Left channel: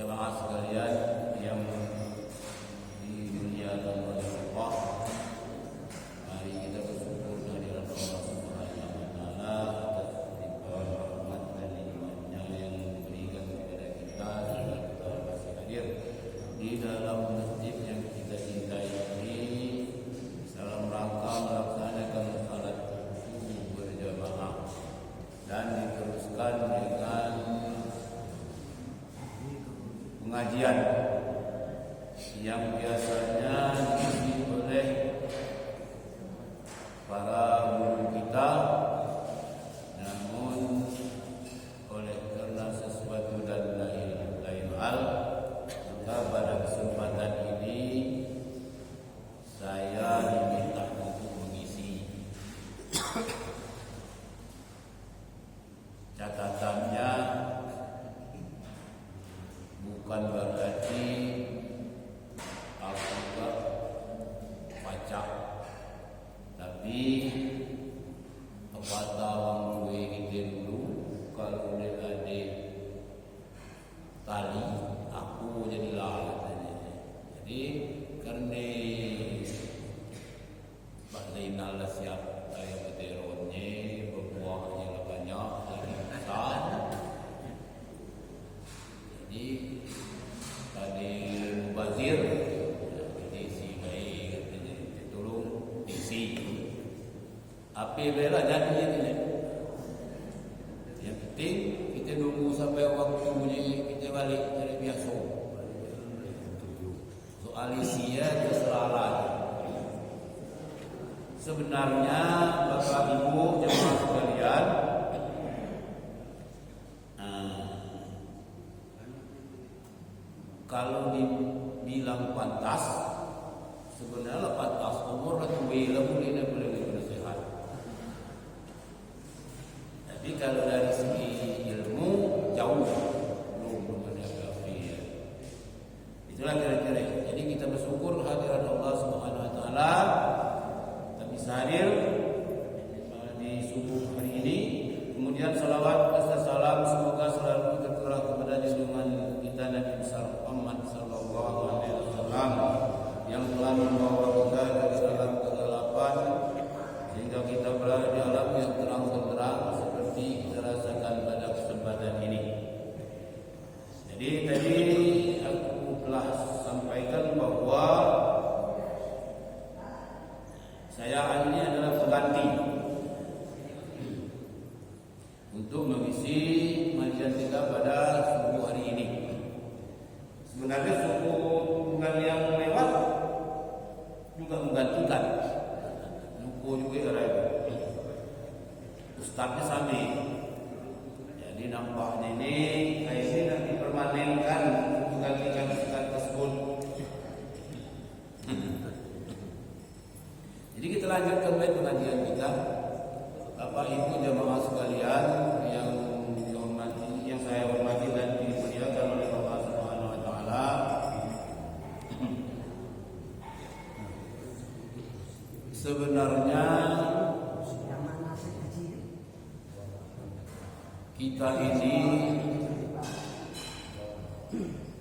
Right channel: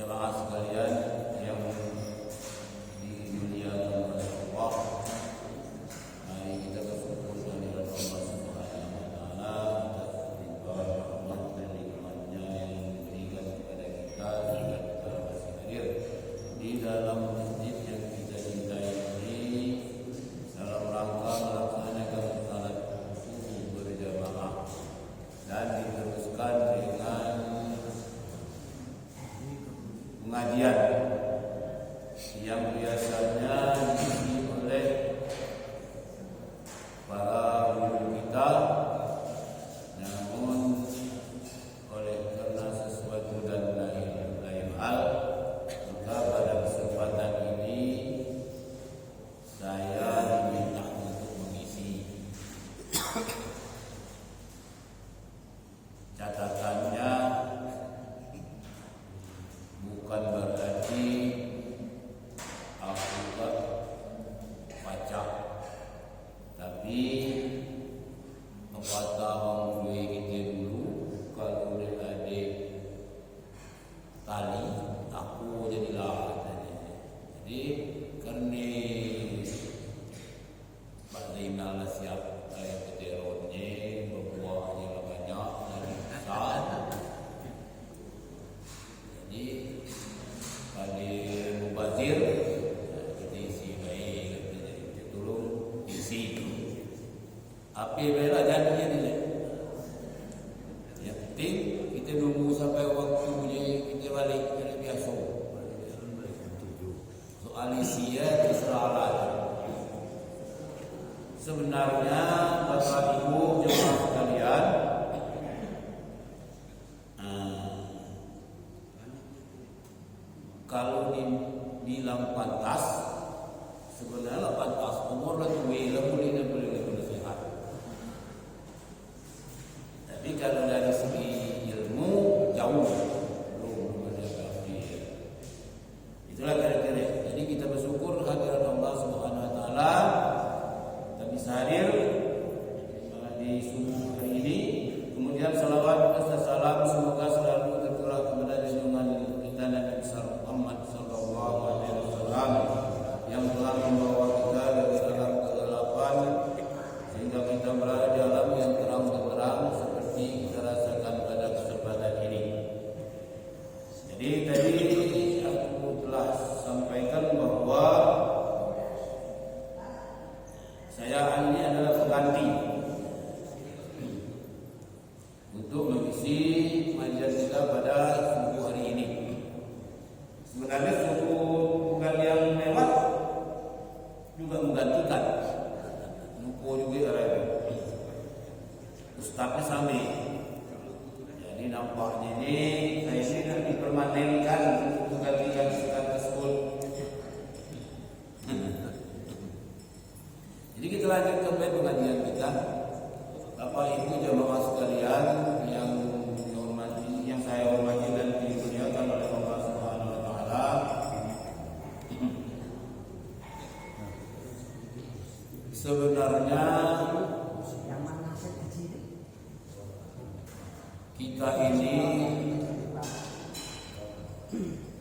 Jamaah sekalian yang dimuliakan oleh Allah, mari kita bersyukur kehadiran Allah Subhanahu wa taala atas limpahan rahmat dan nikmatnya yang diberikan kepada kita sehingga kita masih hadir di dalam masjid yang kita cintai ini dalam rangka melaksanakan salat subuh berjamaah dan diteruskan dengan pengajian yang biasanya diisi oleh para guru kita, namun karena sesuatu dan lain hal, maka pada kesempatan ini saya diminta untuk mengisi. Catatannya bukan berarti aku gak baca, tapi apa tawang gue kita dulu kalau udah ada tali aku jadilah katanya. Jadi karena Pak Zainal siap saya peteronnya berbuahnya lah banyak lagi besar. Jadi pada mubazir kita isi baik, kita tolong isi. Api bela jadinya ni. Yang penting kita nunggu sampai waktunya kita balik dari biasa. Soal isi ya terserah. Sebenarnya Bapak Ibu jemaah sekalian, kalau dibilang pantas, sebenarnya pantas umur lah tua lah boleh sehat. Tapi kalau dari segi ilmu jauh belum ada apa-apa. Itulah kira-kira. Jadi kita bersyukur hadirat Allah Subhanahu Wa Taala kita bisa hadir di subuh hari ini. Kemudian salawat dan salam semoga selalu tercurah kepada junjungan kita Nabi besar Muhammad sallallahu alaihi wasallam yang telah membawa kita dari alam kegelapan sehingga kita berada di alam yang terang benderang seperti kita rasakan pada kesempatan ini. Jadi tadi aku telah sampaikan bahwa saya ini adalah pengganti untuk mengisi kajian kita pada subuh hari ini. Sebenarnya subuh bukan yang lewat juga menggantikan. Nuko juga arah itu. Ustadznya sama. Jadi nampaknya ini saya ini nak dipermanenkan menggantikan ustadz tersebut. Jadi kita lanjutkan baik pengajian kita. Bapak Ibu jemaah sekalian yang dihormati, yang saya hormati dan dimuliakan oleh Allah Subhanahu Wa Taala. Sebenarnya kita ini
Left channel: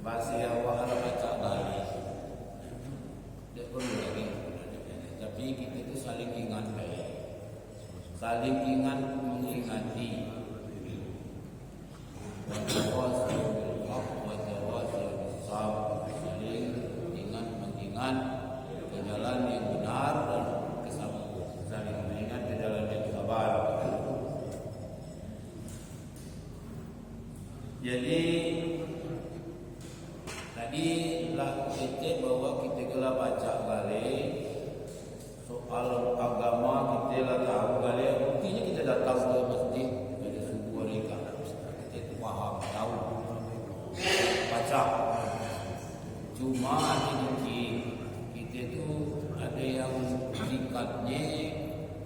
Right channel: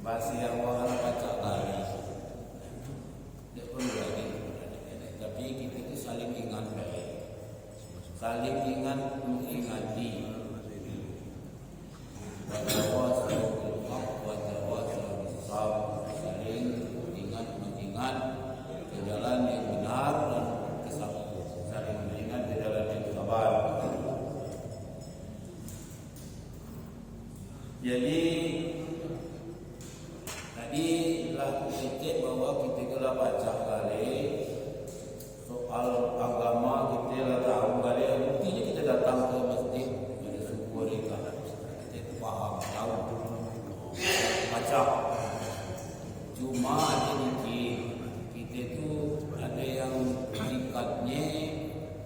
masih awal baca kali, tidak perlu lagi. Tapi kita itu saling ingat baik. Saling ingat mengingati. Wa tawassaw bil haqq wa tawassaw bis sabr. Saling ingat mengingat ke jalan yang benar dan kesabaran. Saling mengingat ke jalan yang sabar. Jadi tadi lah kita bahwa kita telah baca balik soal agama, kita lah tahu kali buktinya kita datang ke masjid pada subuh mereka kita itu faham, tahu, baca. Cuma ada kita itu ada yang tingkatnya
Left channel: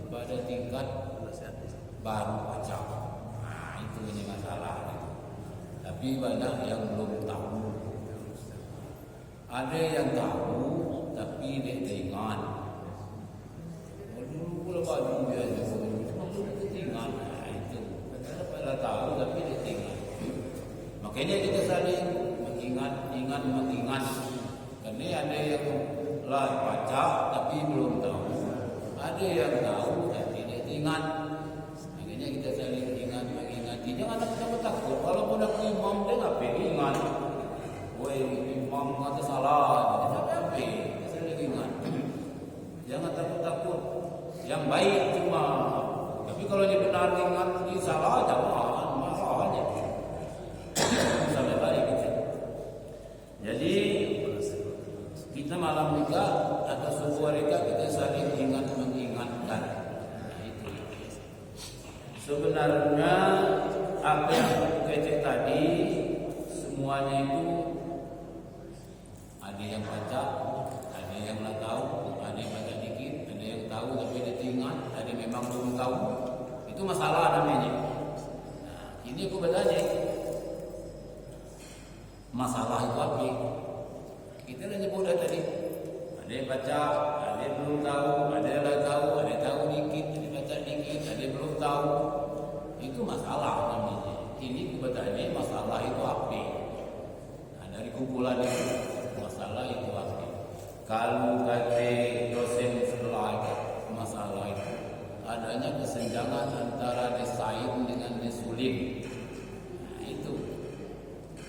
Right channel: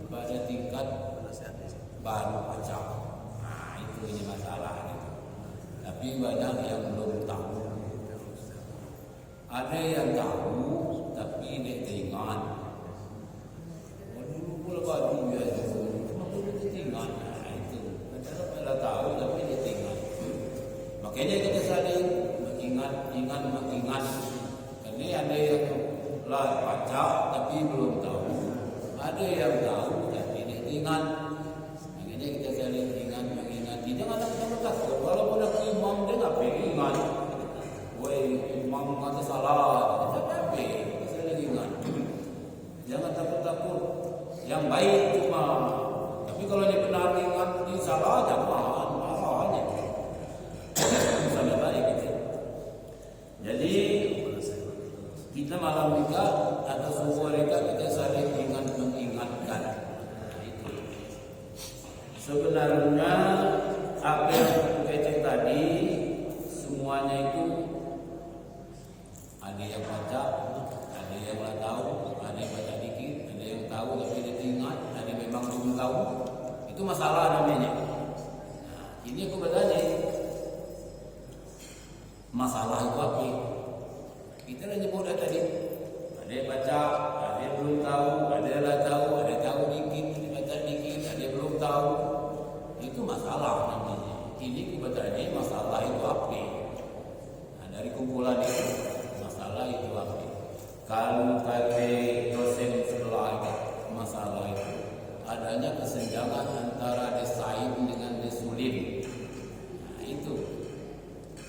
pada tingkat baru baca. Nah itu ini masalahnya. Tapi banyak yang belum tahu. Ada yang tahu tapi dia teringat. Dulu baju ya, cuma boleh ditinggal. Nah itu, padahal tahu tapi ditinggal. Makanya kita saling ingat mengingat. Karena ada yang lah baca tapi belum tahu, ada yang tahu dan tidak ingat. Makanya kita saling ingat mengingati. Jangan takut. Walaupun aku imam dia ngapain ingat. Woi imam kata salah, kita saling ingat. Jangan takut. Yang baik cuma. Tapi kalau dia benar ingat dia salah, jangan marah aja. Sampai baik gitu. Jadi kita malam juga atau subuh mereka kita saling ingat mengingatkan. Nah, itu. Sebenarnya apa yang kecek tadi semuanya itu ada yang baca, ada yang nggak tahu, ada yang baca dikit, ada yang tahu tapi tidak ingat, ada yang memang belum tahu. Itu masalah namanya. Nah, ini aku bertanya, masalah itu apa? Kita dah nyebut tadi. Ada yang baca, ada yang belum tahu, ada yang lah tahu, ada yang tahu dikit, ada yang baca dikit, ada yang belum tahu. Itu masalah namanya. Ini aku bertanya, masalah itu apa? Nah, dari kumpulan itu, masalah itu apa? Kalau kata dosen sebelah itu, masalah itu adanya kesenjangan antara desain dengan desulim. Nah, itu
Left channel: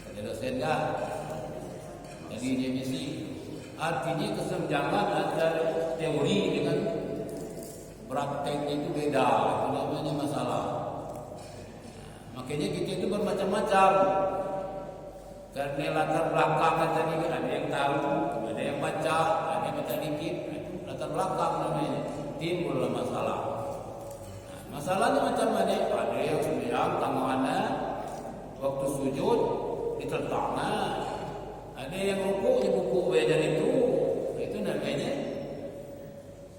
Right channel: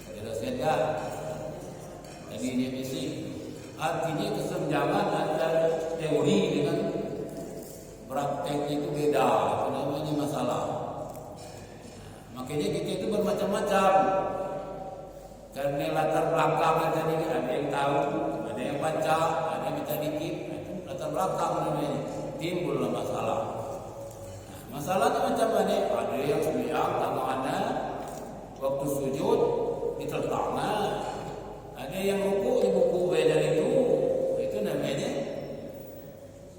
kata dosen kan? Jadi definisi artinya kesenjangan antara teori dengan prakteknya itu beda. Itu namanya masalah. Makanya kita itu bermacam-macam. Karena latar belakang tadi ada yang tahu, ada yang baca, ada yang baca dikit. Itu latar belakang namanya. Timbullah masalah. Nah, masalahnya macam mana? Ada yang sembahyang tangannya waktu sujud diteltangah. Ada yang rukuk buku belajar itu namanya.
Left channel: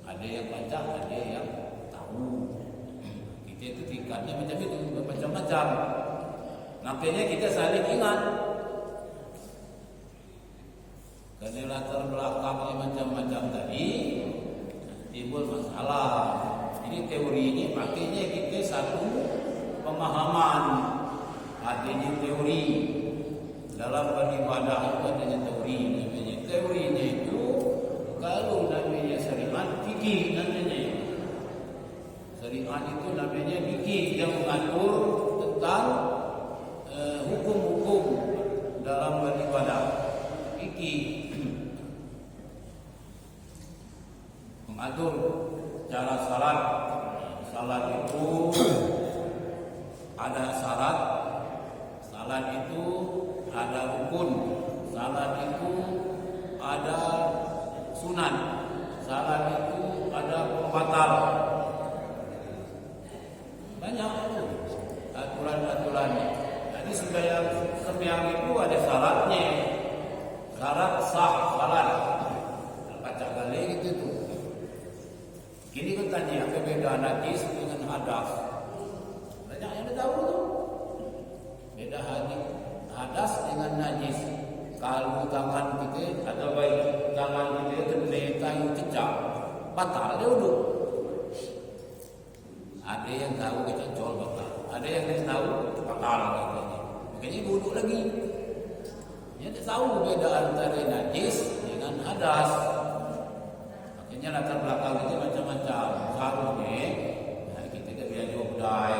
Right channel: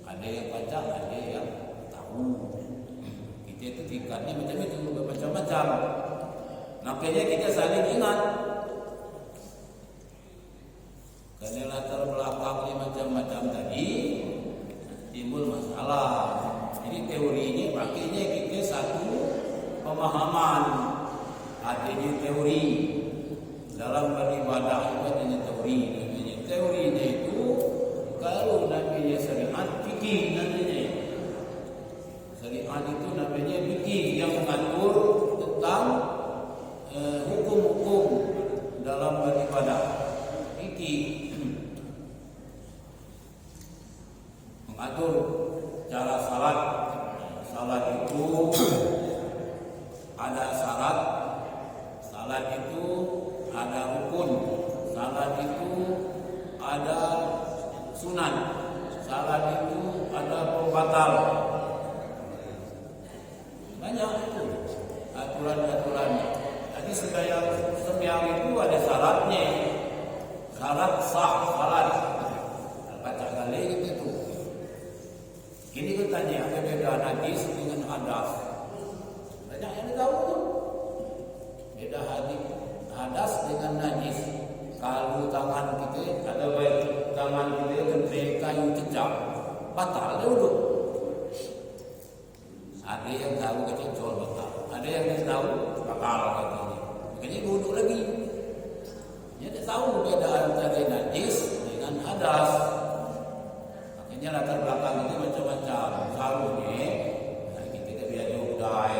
Ada yang baca, ada yang tahu. Kita itu tingkatnya macam itu, macam-macam. Makanya kita saling ingat. Karena latar belakangnya macam-macam tadi, timbul masalah. Jadi teorinya pakainya kita satu pemahaman. Adanya teori. Dalam beribadah itu adanya teori namanya. Teorinya itu kalau namanya syariat fikih namanya. Syariat itu namanya fikih yang mengatur tentang hukum-hukum dalam beribadah. Fikih mengatur cara salat. Salat itu ada syarat. Salat itu ada rukun, salat itu ada sunat, salat itu ada pembatal. Banyak itu aturan-aturannya. Jadi sembahyang itu ada syaratnya. Syarat sah salat. Baca kali gitu tuh. Ini kan tanya apa beda najis dengan hadas. Banyak yang tahu tuh. Beda hadas dengan najis. Kalau tangan kita atau baik tangan kita kena kayu cecak, batal dia wuduk. Ada yang tahu kececol batal, ada yang tidak tahu batal katanya. Makanya wuduk lagi. Dia tidak tahu beda antara najis dengan hadas. Makanya latar belakang itu macam-macam. Seharusnya kita tidak biar jogdai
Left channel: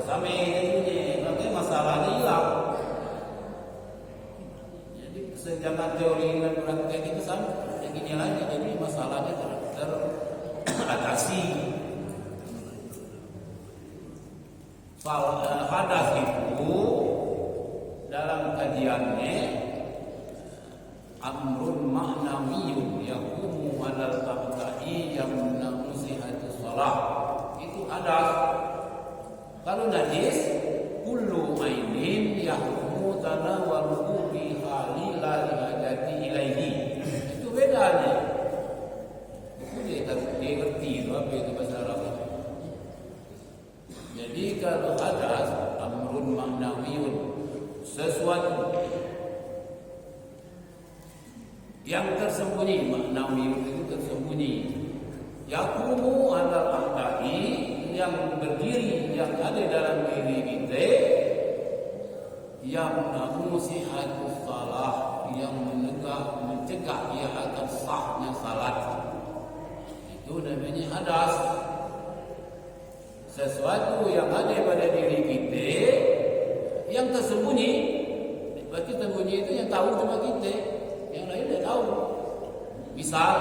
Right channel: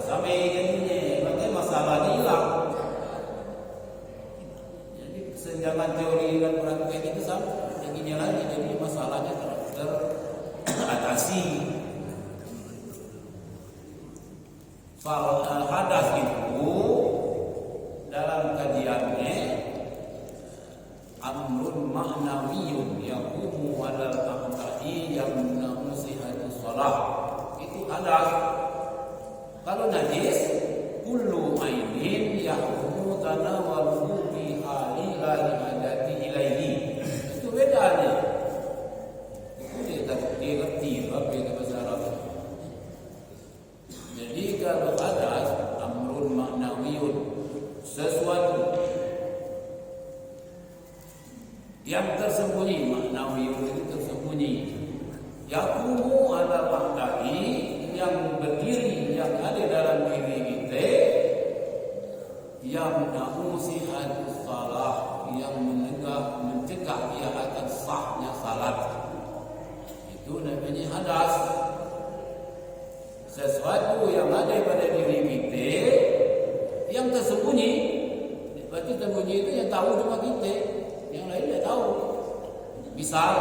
sampai katanya. Makanya masalahnya hilang. Jadi kesenjangan teori dan praktek itu sama. Yang ini lagi jadi masalahnya teratasi. Hadas itu dalam kajiannya amrun ma'nawiyun yaqumu 'alal aqda'i yamna'u sihhatus shalah. Itu hadas. Kalau najis kullu ainin yahrumu tanawaluhu bi hali la hajati ilaihi. Itu bedanya. Itu dia ngerti apa itu bahasa Arab. Jadi kalau hadas amrun ma'nawiyun, sesuatu yang tersembunyi, ma'nawiyun itu tersembunyi. Yaqumu 'alal aqda'i, yang berdiri, yang ada dalam diri kita, yang sihhatus shalah, yang mencegah dia akan sahnya salat. Itu namanya hadas. Sesuatu yang ada pada diri kita yang tersembunyi. Berarti tersembunyi itu yang tahu cuma kita, yang lain tidak tahu. Misal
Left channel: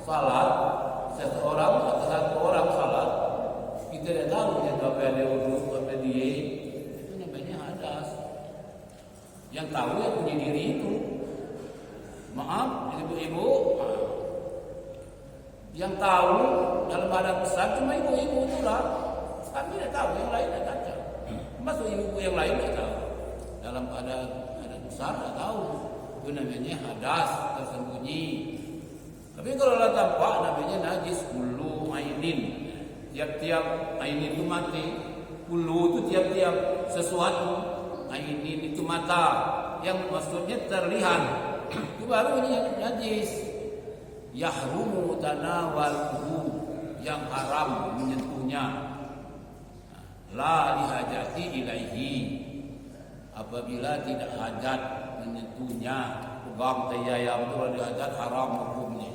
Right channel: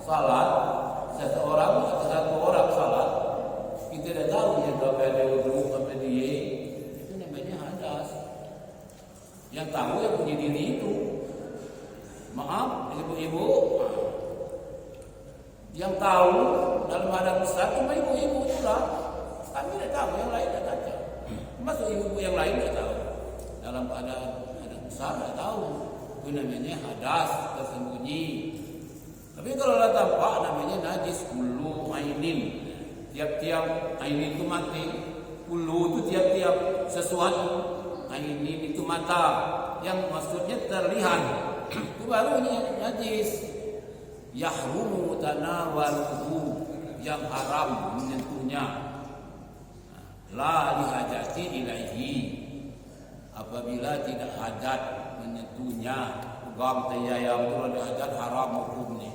salat, seseorang atau satu orang salat, kita tidak tahu dia sampai ada wudu, sampai dia, itu namanya hadas. Yang tahu yang punya diri itu. Maaf, ibu-ibu, yang tahu dalam keadaan besar cuma ibu-ibu itulah. Kami tidak tahu, yang lain tidak tahu. Masuk ibu-ibu yang lain tidak tahu. Dalam keadaan besar tidak tahu. Itu namanya hadas tersembunyi. Tapi kalau lah tampak namanya najis kullu ainin. Tiap-tiap ainin itu mati. Kullu itu tiap-tiap sesuatu. Ainin itu mata. Yang maksudnya terlihat. Itu baru najis. Yahrumu tanawaluhu, yang haram menyentuhnya. La lihajati ilaihi, apabila tidak hajat menyentuhnya. Pegang tayayam itu kalau dia hajat haram hukumnya.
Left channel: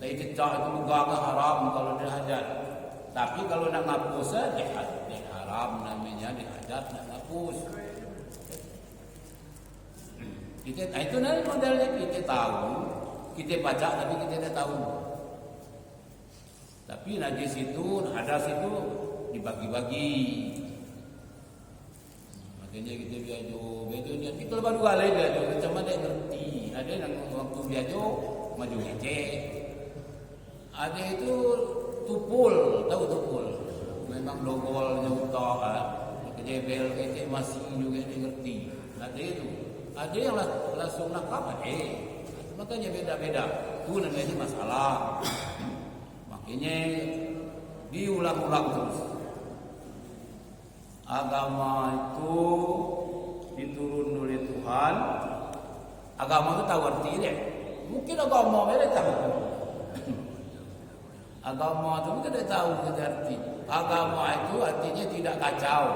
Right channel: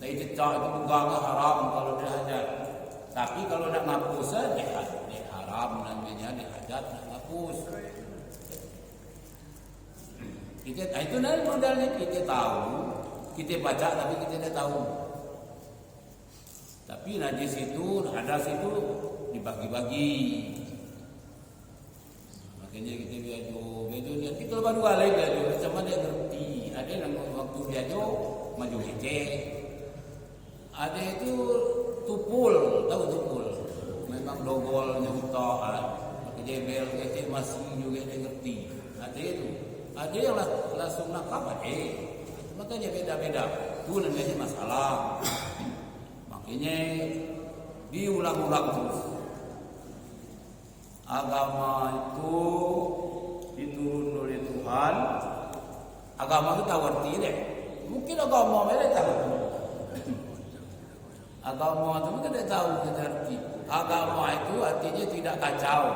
Tai cecak itu pegang haram kalau dia hajat. Tapi kalau nak ngapus dia haram namanya, dia hajat nak ngapus. Itu nanti modelnya kita tahu, kita baca tapi kita tidak tahu. Tapi najis itu, hadas itu dibagi-bagi. Makanya kita biajo lihat kita baru kali biajo, macam mana dia ngerti. Ada yang waktu biajo maju ngecek. Ada itu tupul, tahu tupul. Memang dogolnya utak, pakai jebel kecek masih juga dia ngerti. Ada itu. Ada yang langsung nakap ada. Makanya beda-beda. Itu namanya masalah. Makanya diulang-ulang terus. Agama itu diturun oleh Tuhan. Agama itu tahu arti deh. Mungkin agama mereka tahu. Agama itu mungkin tidak tahu arti. Agama itu artinya tidak kacau.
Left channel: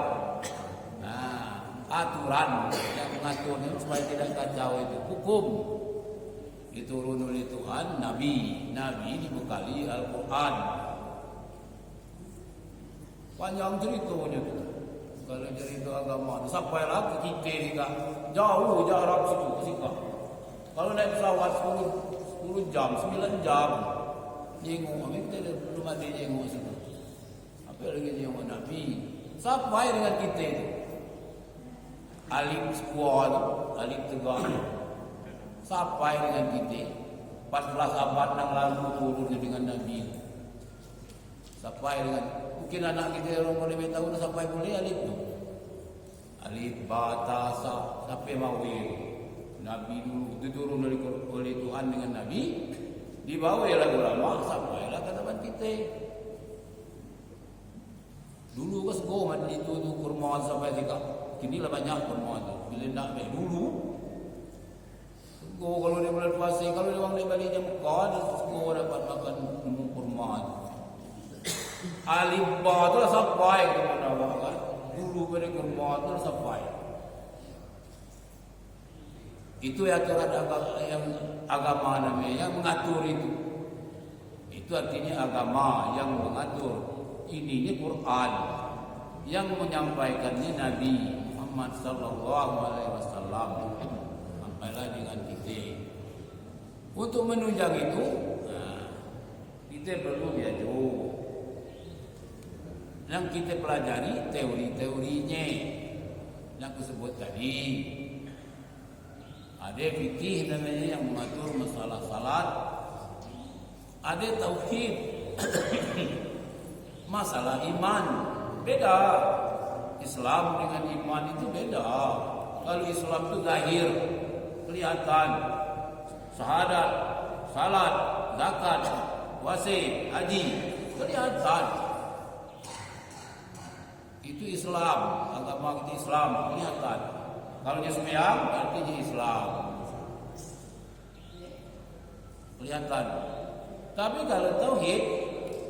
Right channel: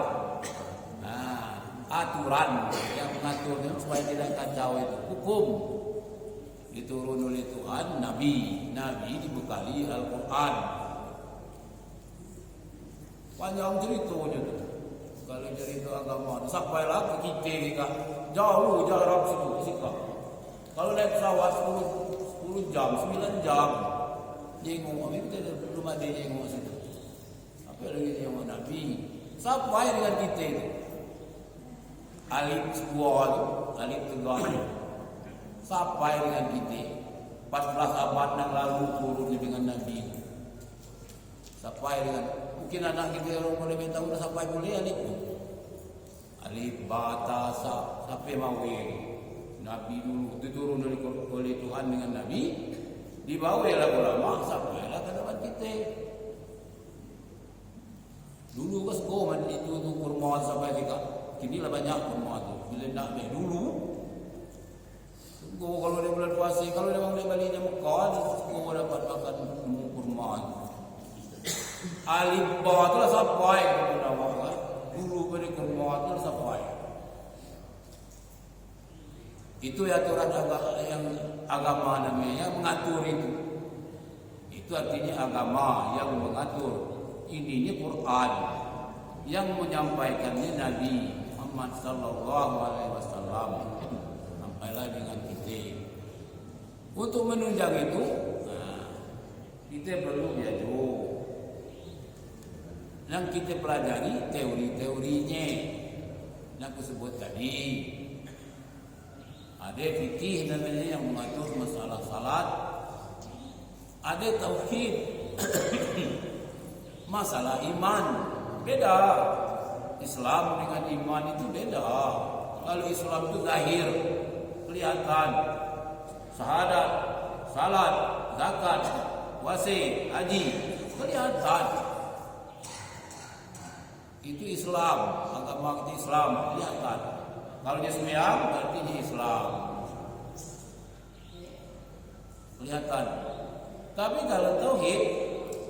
Aturan yang mengaturnya supaya tidak kacau itu hukum. Diturun oleh Tuhan, Nabi dibekali Al-Quran. Panjang ceritanya tu. Kalau cerita agama tu sampai lagi kita juga jauh jarak situ sika. Kalau naik pesawat 10 jam, 9 jam jenguk, kami kita belum ada jenguk situ. Apa lagi jenguk Nabi? Sampai dengan kita itu. Alif sebuah tu, alif tegak tu. Sampai dengan kita 14 abad yang lalu turun dengan Nabi. Sampai dengan mungkin anak kita orang boleh tahu dah sampai boleh alif tu. Alif batasa sampai mawil. Nabi dulu diturun oleh Tuhan dengan Nabi, dibawalah ulama sampailah ke tempat kita. Dulu ke sego itu kurma sampai tiga. Kini lah banyak kurma tu. Bila nak ambil dulu kalau dia bulan puasa, kalau dia orang dia balik je Mekah, dia semua dapat makan kurma. Alif ba tu lah sampai ke mana awak kan? Dulu pada kurma tu lah sampai. Itu aturan agama namanya yang mengatur itu. Itu artinya agama yang mengatur. Ininya Quran yang menyampaikannya Nabi Muhammad sallallahu alaihi wasallam. Sampailah dengan kita. Untuk menunjang itu, kita perlu belajar. Yang kita pelajari teori-teorinya yang aku sebut tadi. Ada fikih namanya yang mengatur masalah salat. Ada tauhid. Masalah iman beda. Islam dengan iman itu beda. Kalau Islam itu zahir, kelihatan, syahadat, salat, zakat, puasa, haji, kelihatan. Itu Islam, agama kita Islam, kelihatan. Kalau dia sembahyang, berarti dia Islam, kelihatan. Tapi kalau tauhid,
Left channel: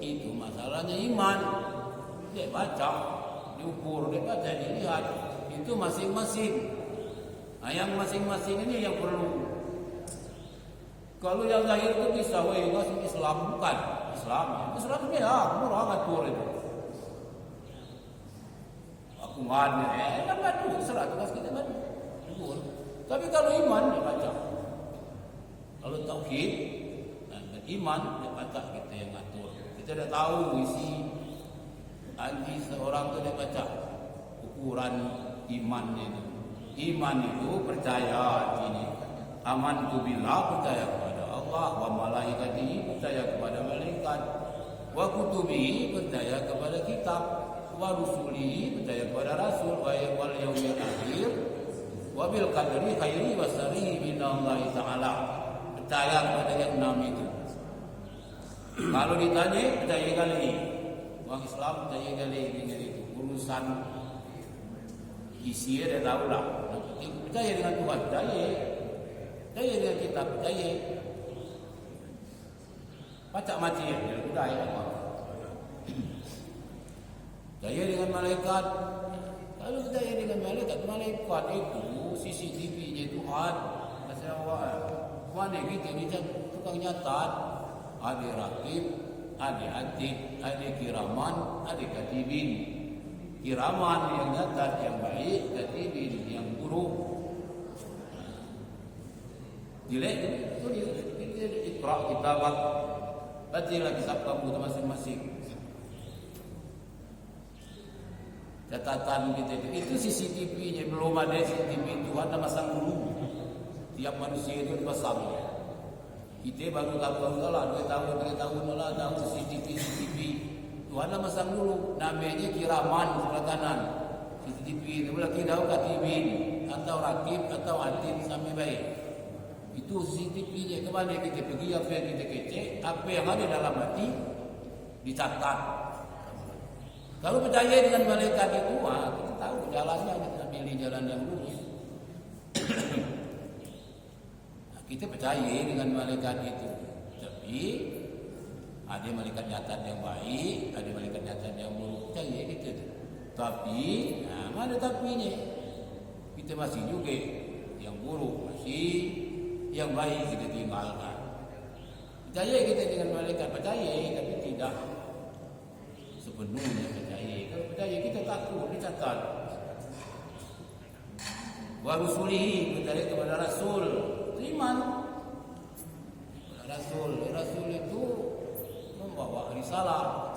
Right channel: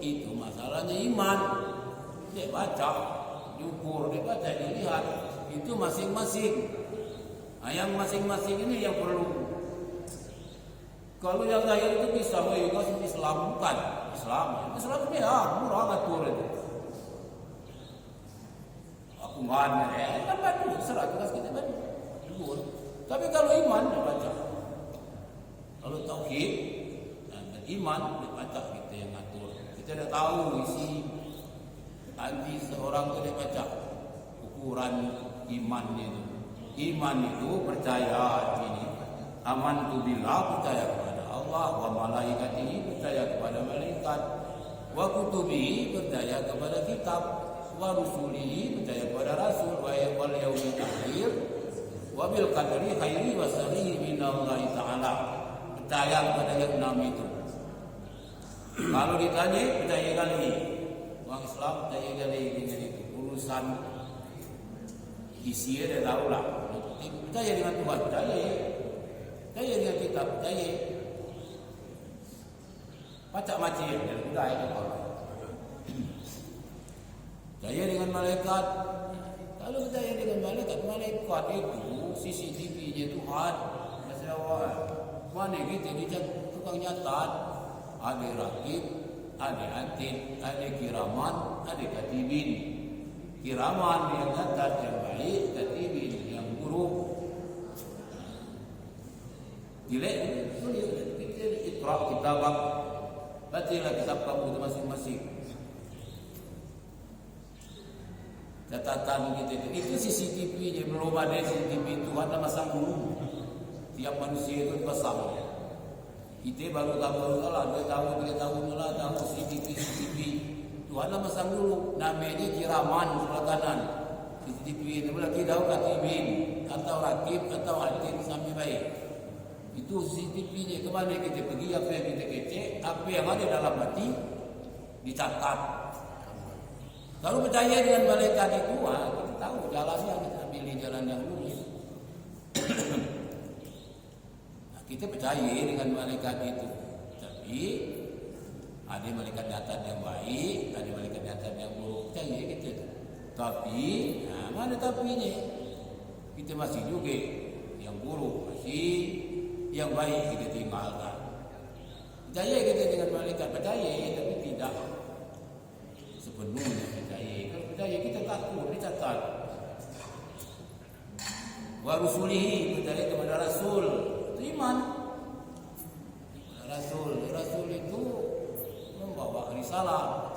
itu masalahnya iman. Dia baca, diukur, dia baca, dilihat. Itu masing-masing. Nah, yang masing-masing ini yang perlu. Kalau yang zahir itu bisa, Islam bukan Islam. Islam ya murah ngatur itu. Aku ngane, kan bantu serah tugas kita kan. Tapi kalau iman dia baca. Kalau tauhid dan iman dia baca kita yang ngatur. Kita dah tahu isi hati seorang tu dia baca ukuran iman itu. Iman itu percaya ini. Aman tu billah percaya kepada Allah, wa malaikatihi percaya kepada malaikat, wa kutubihi percaya kepada kitab, wa rusulihi percaya kepada rasul, wa wal yaumil akhir, wa bil qadri khairi wa syarrihi minallahi taala. Percaya kepada yang enam itu. Kalau ditanya percaya kali, orang Islam percaya kali dengan itu. Urusan isi dia tahu lah. Percaya dengan Tuhan, percaya dengan kitab, percaya. Baca macam yang budaya dia. Percaya dengan malaikat. Kalau percaya dengan malaikat itu CCTV-nya Tuhan. Masya Allah. Mana kita ni tukang nyatat. Ada rakib, ada atid, ada kiraman, ada katibin. Kiraman yang nyatat yang baik, katibin yang buruk. Jelek tulis Iqra kitabak. Bacalah kitab kamu masing-masing. Catatan kita itu CCTV-nya, belum ada CCTV. Tuhan dah masang dulu. Tiap manusia itu dipasang. Kita baru lah 2 tahun 3 tahun lah tahu CCTV. Tuhan dah masang dulu. Namanya kiraman sebelah kanan. CCTV itu boleh kita tahu katibin atau rakib atau atid sampai baik. Itu CCTV-nya, kemana kita pergi, apa yang kita kecek, apa yang ada dalam hati dicatat. Kalau percaya dengan malaikat itu, kita tahu jalannya, kita pilih jalan yang lurus. Kita percaya dengan malaikat itu. Tapi ada malaikat nyatat yang baik, ada malaikat nyatat yang buruk. Percaya kita itu. Tapi mana tapinya? Kita masih juga yang buruk, masih yang baik kita tinggalkan. Percaya kita dengan malaikat, percaya tapi tidak sepenuhnya percaya. Kalau percaya kita takut, dicatat. Wa rusulihi, percaya kepada rasul, itu iman. Rasul itu membawa risalah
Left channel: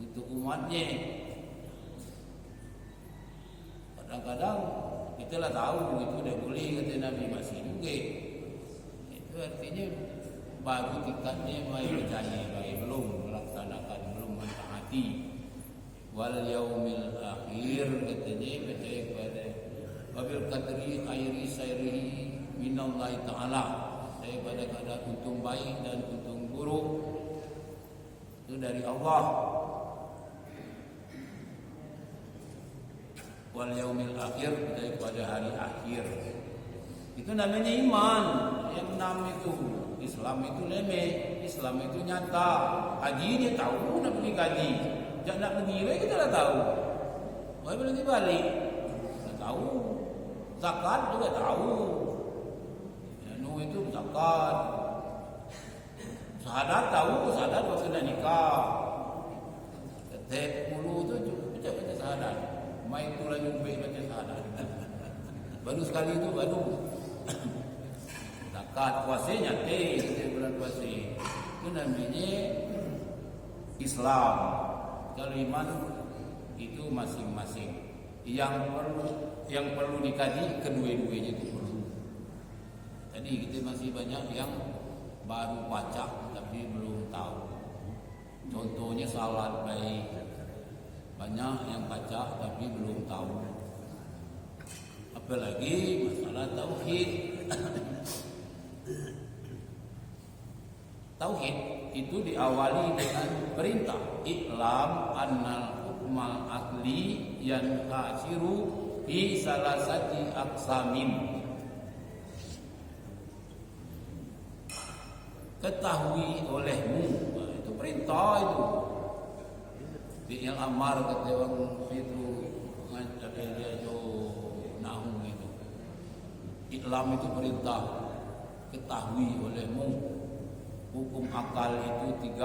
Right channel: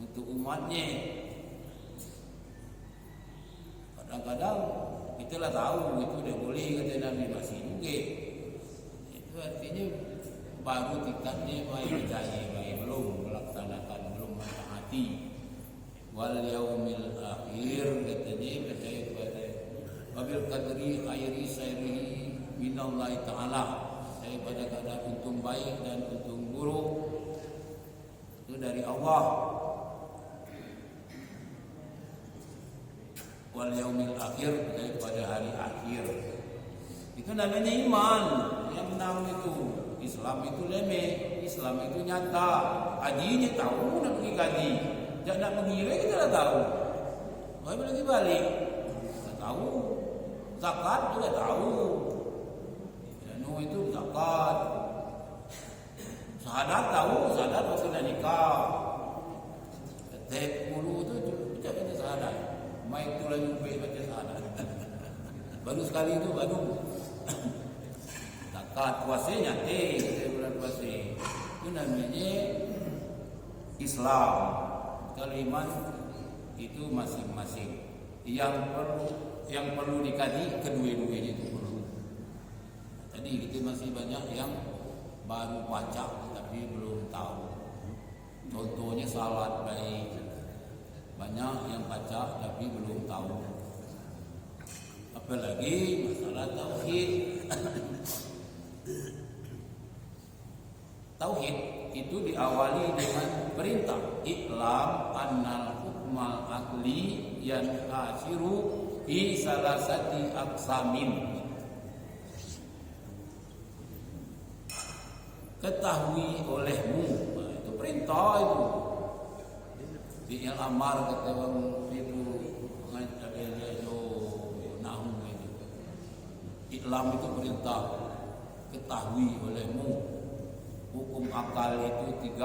untuk umatnya. Kadang-kadang kita lah tahu itu dah boleh kata Nabi, masih juga. Itu artinya baru tingkatnya baik percaya, baik belum melaksanakan, belum mentaati. Wal yaumil akhir katanya percaya kepada wabil qadri khairi syarrihi minallahi taala. Percaya pada keadaan untung baik dan untung buruk itu dari Allah. Wal yaumil akhir, percaya kepada hari akhir. Itu namanya iman. Yang 6 itu Islam itu leme, Islam itu nyata. Hajinya tahu nak pergi kaji, jak nak pergi kita dah tahu. Wah lagi balik, dah tahu. Zakat juga tahu. Itu zakat. Syahadat tahu, syahadat waktu nak nikah. Ketek mulu tu baca syahadat. Mai tu lah nyubik baca syahadat. Baru sekali tu baru. Zakat, puasa nyate kita bulan puasa. Itu namanya Islam. Kalau iman itu masing-masing. Yang perlu dikaji kedua-duanya itu perlu. Tadi kita masih banyak yang baru baca tapi belum tahu. Contohnya salat baik. Banyak yang baca tapi belum tahu. Apalagi masalah tauhid. Tauhid itu diawali dengan perintah i'lam annal hukmal aqli yanhasiru fi salasati aqsamin. Ketahui olehmu, itu perintah itu. Yang amar kata orang itu ada dia jo nahu itu. Islam itu perintah, ketahui olehmu hukum akal itu 3.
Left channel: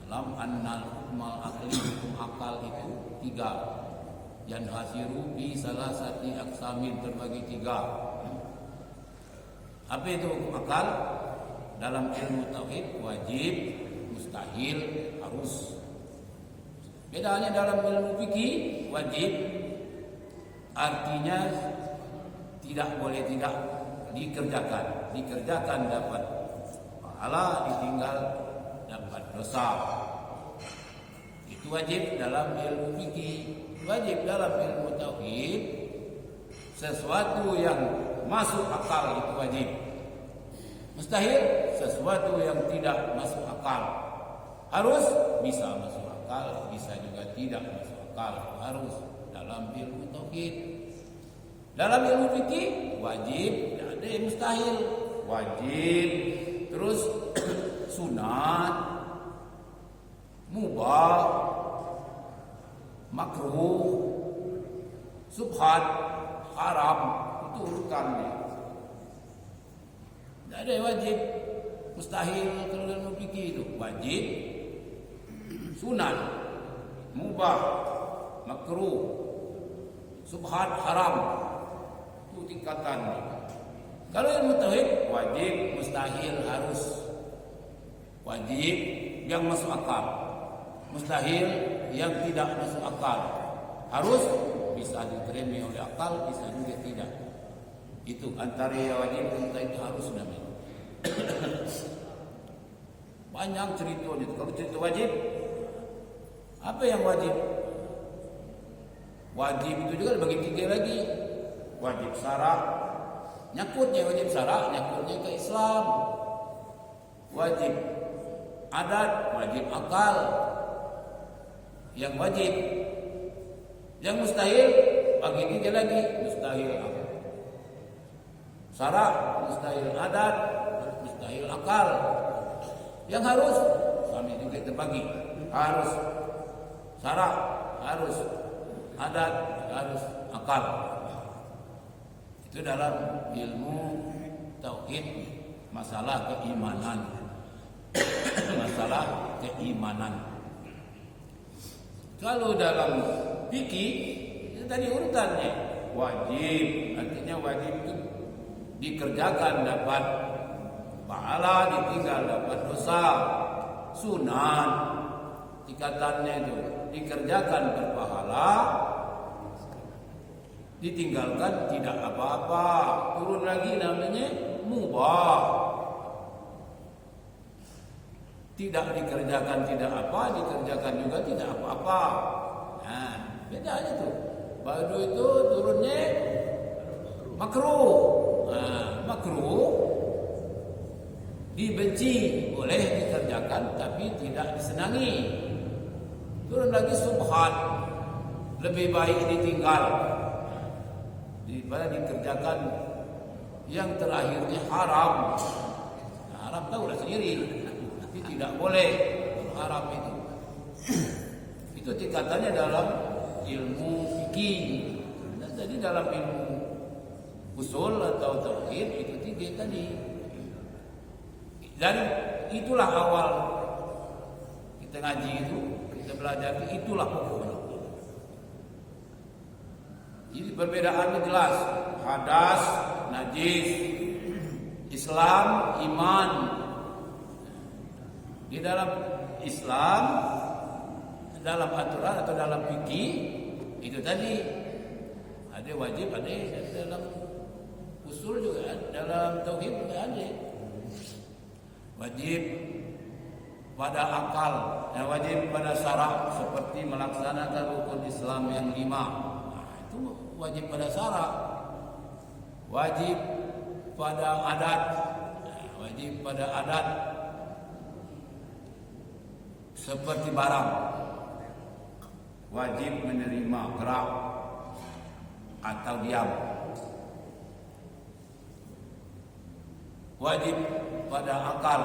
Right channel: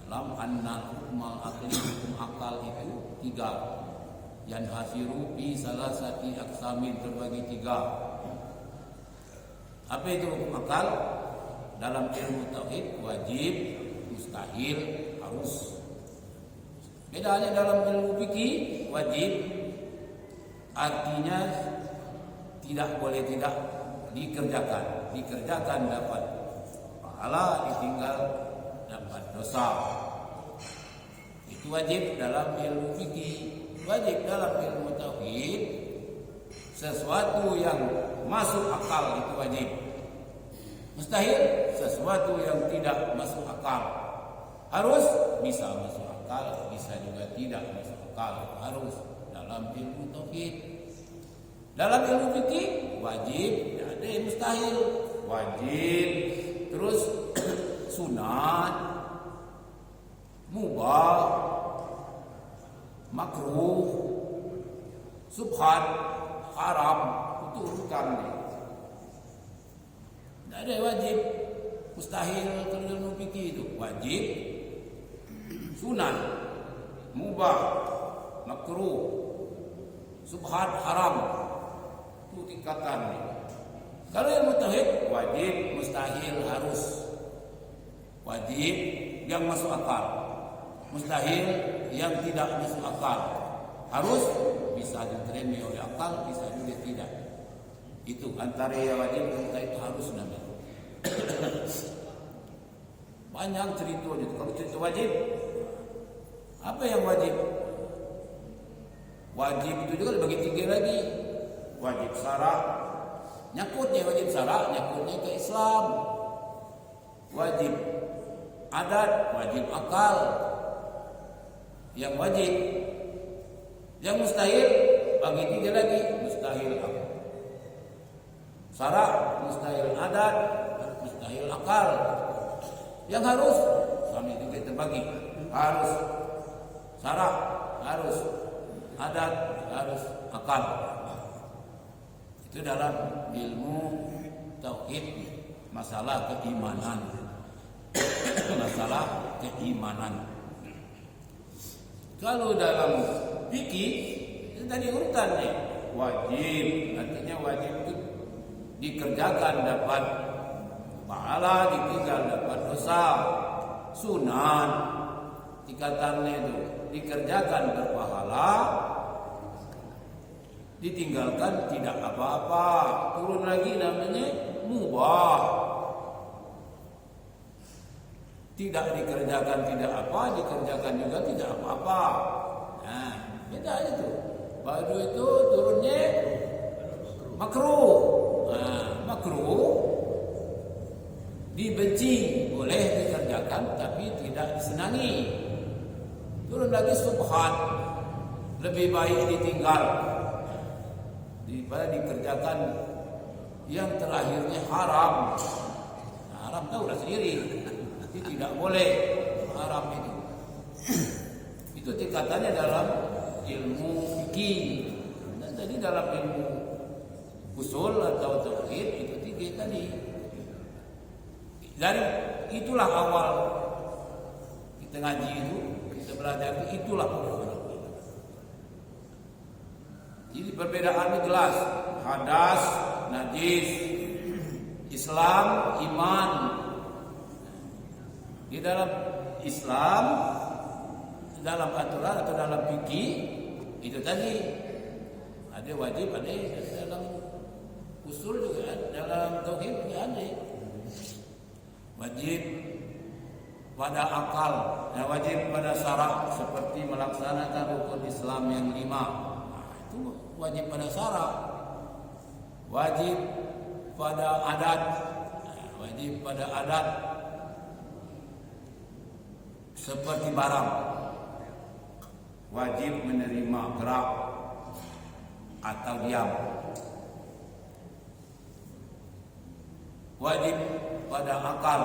Dalam annal hukmal akli, hukum akal itu 3. Yanhasiru fi salasati aqsamin, terbagi 3. Apa itu hukum akal? Dalam ilmu tauhid wajib, mustahil, harus. Bedanya dalam ilmu fikih, wajib artinya tidak boleh tidak dikerjakan. Dikerjakan dapat pahala, ditinggal dapat dosa. Itu wajib dalam ilmu fikih. Wajib dalam ilmu tauhid, sesuatu yang masuk akal itu wajib. Mustahil, sesuatu yang tidak masuk akal. Harus, bisa masuk akal, bisa juga tidak masuk akal. Harus dalam ilmu tauhid. Dalam ilmu fikih wajib, tidak ada yang mustahil. Wajib, terus sunat, mubah, makruh, subhat, haram, itu urutannya. Tidak ada yang wajib, mustahil kalau ilmu fikih itu. Wajib, sunat, mubah, makruh, subhat, haram, itu tingkatannya. Kalau ilmu tauhid wajib, mustahil, harus. Wajib yang masuk akal, mustahil yang tidak masuk akal. Harus bisa diterima oleh akal, bisa juga tidak. Itu antara yang wajib dan itu harus namanya. Banyak ceritanya. Kalau cerita wajib, apa yang wajib? Wajib itu juga dibagi 3 lagi. Wajib syara', nyakutnya wajib syara', nyakutnya ke Islam. Wajib adat, wajib akal. Yang wajib, yang mustahil bagi 3 lagi. Mustahil akal, syara', mustahil adat, mustahil akal. Yang harus sama juga terbagi. Harus syara', harus adat, harus akal. Itu dalam ilmu tauhid, masalah keimanan. Masalah keimanan. Kalau dalam fikih itu tadi urutannya. Wajib, artinya wajib itu dikerjakan dapat pahala, ditinggal dapat dosa. Sunat, tingkatannya itu dikerjakan berpahala, ditinggalkan tidak apa-apa. Turun lagi namanya mubah. Tidak dikerjakan tidak apa, dikerjakan juga tidak apa-apa. Nah, beda aja tuh. Baru itu turunnya makruh. Nah, makruh dibenci, boleh dikerjakan tapi tidak disenangi. Turun lagi subhat, lebih baik ditinggal daripada dikerjakan. Yang terakhirnya haram. Nah, haram tahu lah sendiri, itu tidak boleh haram itu. Itu tingkatannya dalam ilmu fikih. Dan tadi dalam ilmu usul atau tauhid itu 3 tadi. Dari itulah awal kita ngaji itu, kita belajar itulah pokoknya. Jadi perbedaannya jelas. Hadas, najis, Islam, iman. Di dalam Islam, dalam aturan atau dalam fikih itu tadi ada wajib, ada dalam usul juga ada, dalam tauhid juga ada. Wajib pada akal, wajib pada syara' seperti melaksanakan rukun Islam yang 5. Nah, itu wajib pada syara'. Wajib pada adat, wajib pada adat seperti barang. Wajib menerima gerak atau diam. Wajib pada akal.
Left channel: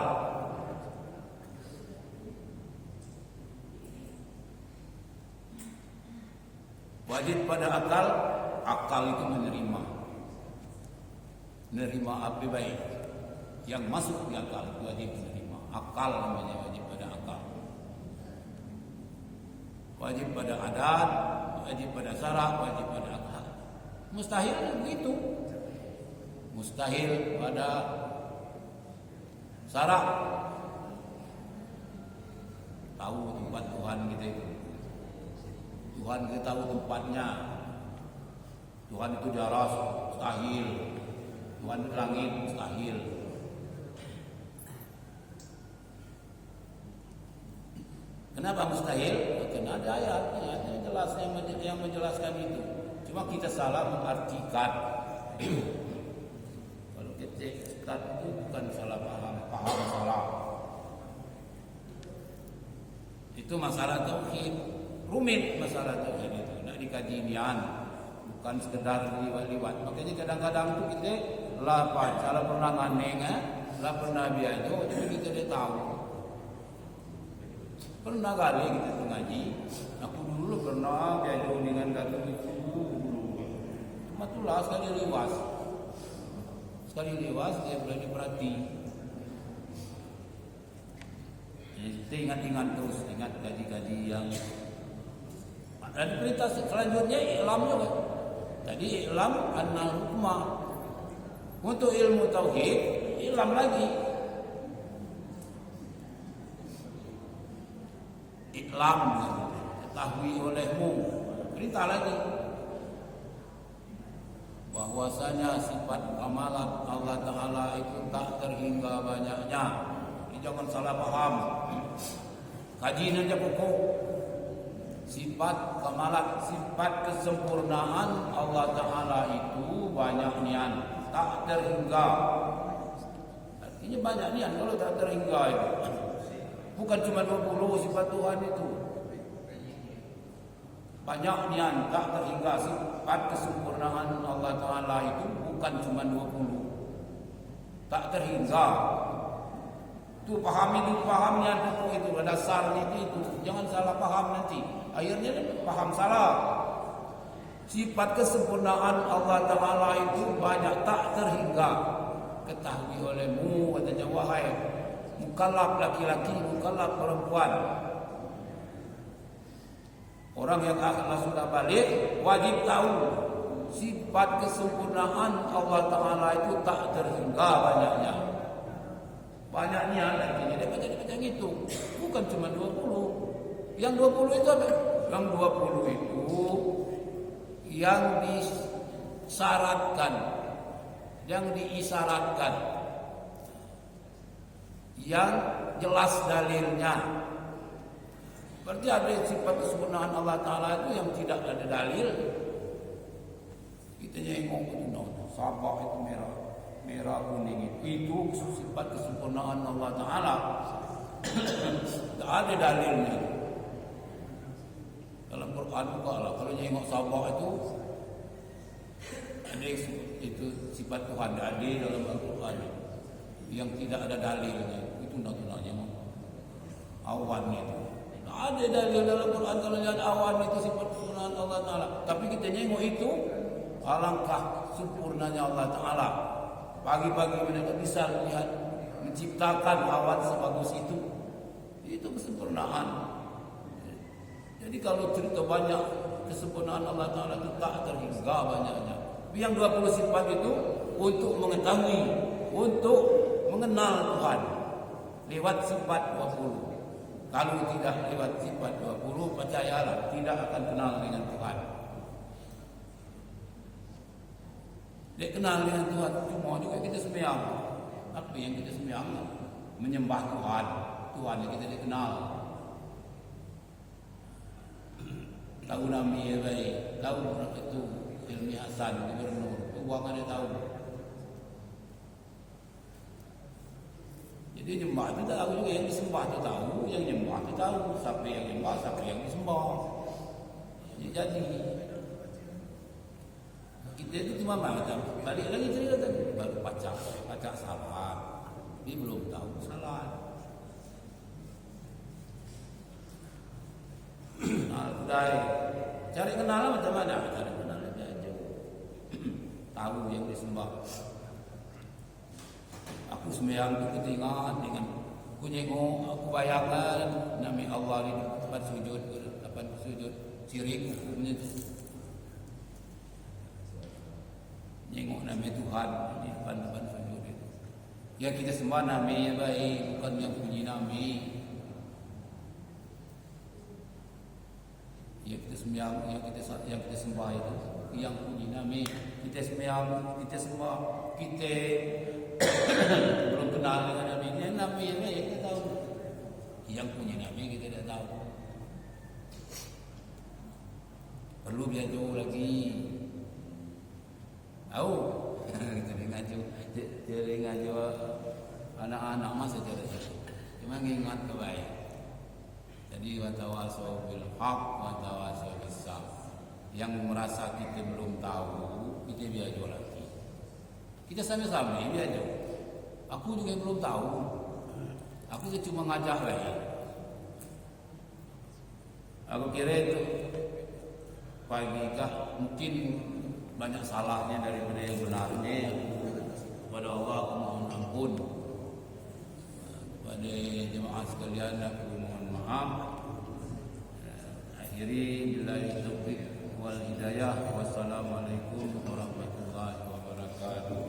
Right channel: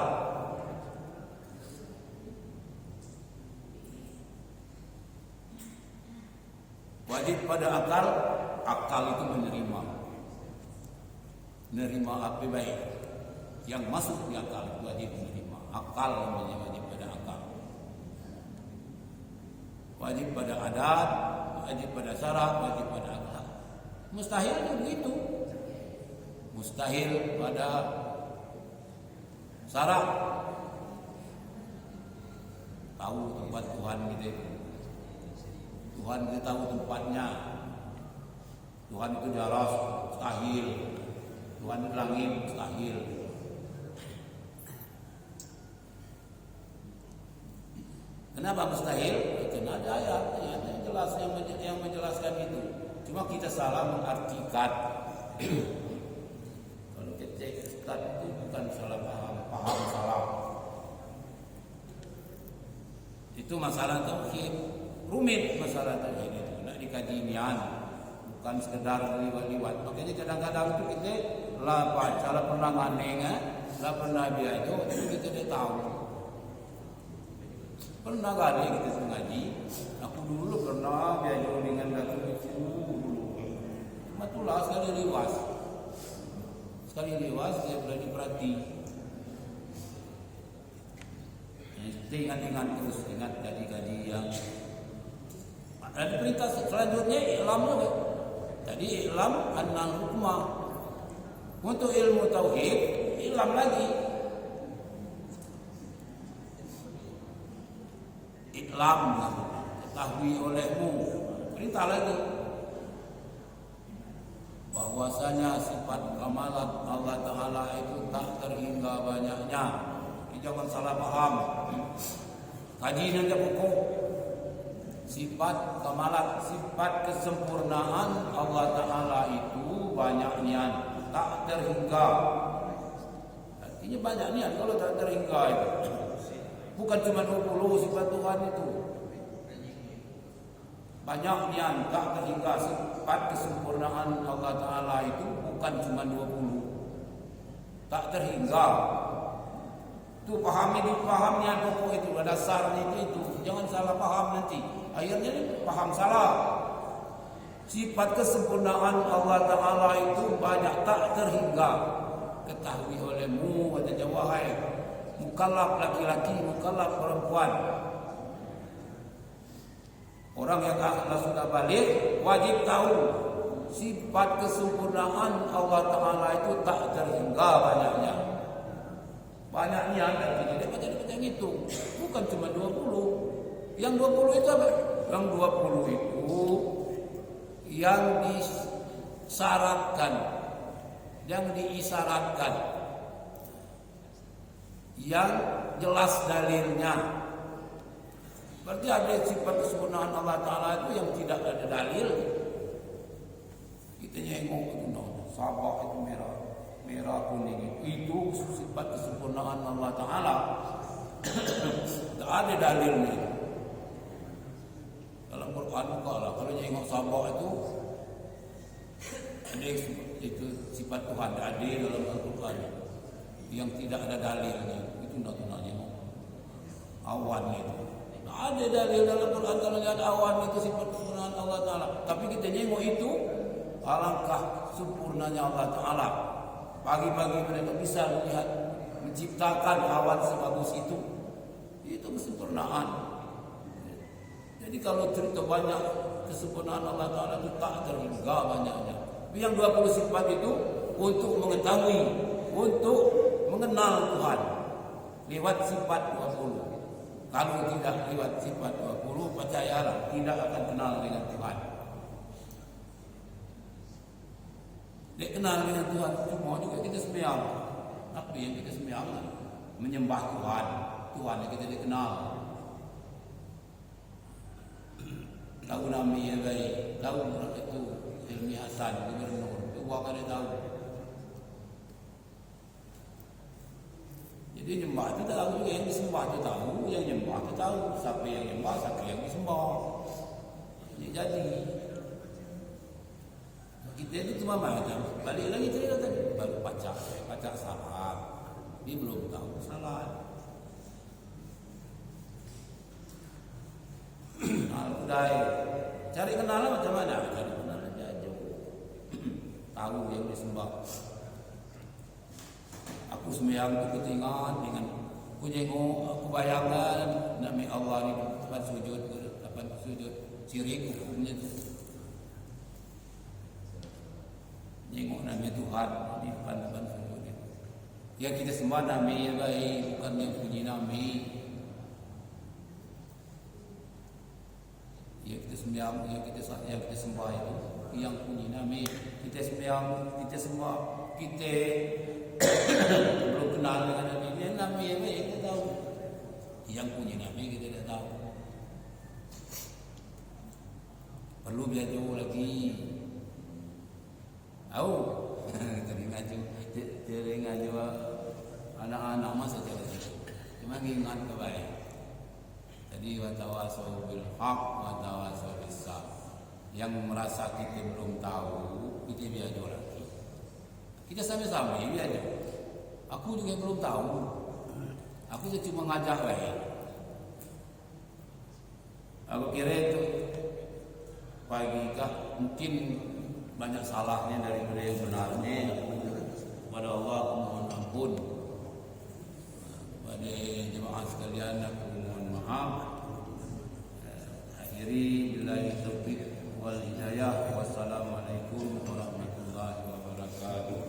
Wajib pada akal akal itu menerima apa baik yang masuk di akal itu wajib menerima. Akal namanya, wajib pada akal, wajib pada adat, wajib pada syarak, wajib pada akal. Mustahil begitu, mustahil pada syarak. Tahu tempat Tuhan kita itu, Tuhan kita tahu tempatnya. Tuhan itu di aras, mustahil. Tuhan di langit, mustahil. Kenapa mustahil? Karena ada ayat yang jelas yang menjelaskan itu. Cuma kita salah mengartikan. Kalau kita itu bukan salah paham salah. Itu masalah tauhid, rumit masalah tauhid itu. Nak dikaji nian, bukan sekedar liwat-liwat. Makanya kadang-kadang itu kita lah baca, lah pernah nganeng, lah pernah biajo, tapi kita tidak tahu. Pernah kali kita tuh ngaji, aku dulu pernah biajo dengan Datuk itu dulu. Cuma itulah sekali lewas dia boleh diperhati. Kita ingat terus, ingat kaji-kaji yang ada perintah selanjutnya i'lam juga. Jadi i'lam annal hukmah. Untuk ilmu tauhid, i'lam lagi. I'lam, ketahui olehmu. Perintah lagi. Bahwasanya sifat kamalat Allah Ta'ala itu tak terhingga banyaknya. Ini jangan salah paham. Kaji nanti pokok. Sifat kamalat, sifat kesempurnaan Allah Ta'ala itu banyak nian, tak terhingga. Artinya banyak nian kalau tak terhingga itu. Bukan cuma 20 sifat Tuhan itu. Banyak nian, tak terhingga. Sifat kesempurnaan Allah Ta'ala itu bukan cuma 20. Tak terhingga. Itu paham nian pokok itu. Dasarnya itu. Jangan salah paham nanti. Akhirnya paham salah. Sifat kesempurnaan Allah Ta'ala itu banyak tak terhingga. Ketahui olehmu, kata wahai mukallaf laki-laki, mukallaf perempuan. Orang yang akal sudah balik wajib tahu sifat kesempurnaan Allah Ta'ala itu tak terhingga banyaknya. Banyak niat artinya dia baca ngitung. Bukan cuma 20. Yang 20 itu apa? Yang 20 itu yang disyaratkan, yang diisyaratkan, yang jelas dalilnya. Berarti ada sifat kesempurnaan Allah Ta'ala itu yang tidak ada dalil. Kita nyengok itu, sabah itu merah kuning itu sifat kesempurnaan Allah Ta'ala. Tak ada dalilnya. Dalam Quran buka lah. Kalau nyengok sabah itu ada itu sifat Tuhan ada dalam Al-Quran yang tidak ada dalilnya. Itu nak nyengok awan itu. Tak ada dalil dalam Quran kalau lihat awan itu sifat kesempurnaan Allah Ta'ala. Tapi kita nyengok itu alangkah sempurnanya Allah Ta'ala. Pagi-pagi mereka bisa melihat menciptakan awan sebagus itu. Itu kesempurnaan. Jadi kalau cerita banyak kesempurnaan Allah Ta'ala itu tak terhingga banyaknya. Tapi yang 20 sifat itu untuk mengetahui, untuk mengenal Tuhan lewat sifat 20. Kalau tidak lewat sifat 20, percayalah tidak akan kenal dengan Tuhan. Dia kenal dengan Tuhan, cuma juga kita sembahyang. Apa yang kita sembahyang? Menyembah Tuhan. Tuhan yang kita dikenal. Tahu nama dia baik, tahu itu Hilmi Hasan, gubernur, uang ada tahu. Jadi nyembah itu tahu juga, yang disembah itu tahu, yang nyembah itu tahu. Siapa yang nyembah, siapa yang disembah. Jadi kita itu cuma macam balik lagi cerita tadi, baru baca salat, dia belum tahu salat. Al-Qudai cari kenalan macam mana? Cari kenalan jauh. tahu yang disembah. Aku sembahyang tu ketingat dengan aku tengok, aku bayangkan nama Allah ni tempat sujud, tempat sujud syirik hukumnya tu. Tengok nama Tuhan di depan sujud itu. Yang kita sembah nama yang baik, bukan yang puji nama. Yang kita sembahyang, yang kita sembah itu yang puji nama. Kita sembahyang, kita sembah, kita belum kenal dengan Nabi. Ini Nabi yang baik kita tahu. Yang punya Nabi kita tidak tahu. Perlu belajar lagi. Tahu? Jadi ngaji anak-anak masa cara itu. Cuma ingat kebaik. Jadi watawasau bil haq, watawasau bis sabr. Yang merasa kita belum tahu, kita belajar lagi. Kita sama-sama belajar. Aku juga belum tahu. Aku cuma ngajak baik. Aku kira itu pagi kah mungkin banyak salahnya daripada yang benarnya. Kepada Allah aku mohon ampun. Kepada jemaah sekalian aku mohon maaf. Akhiri billahi taufiq wal hidayah. Wassalamualaikum warahmatullahi wabarakatuh.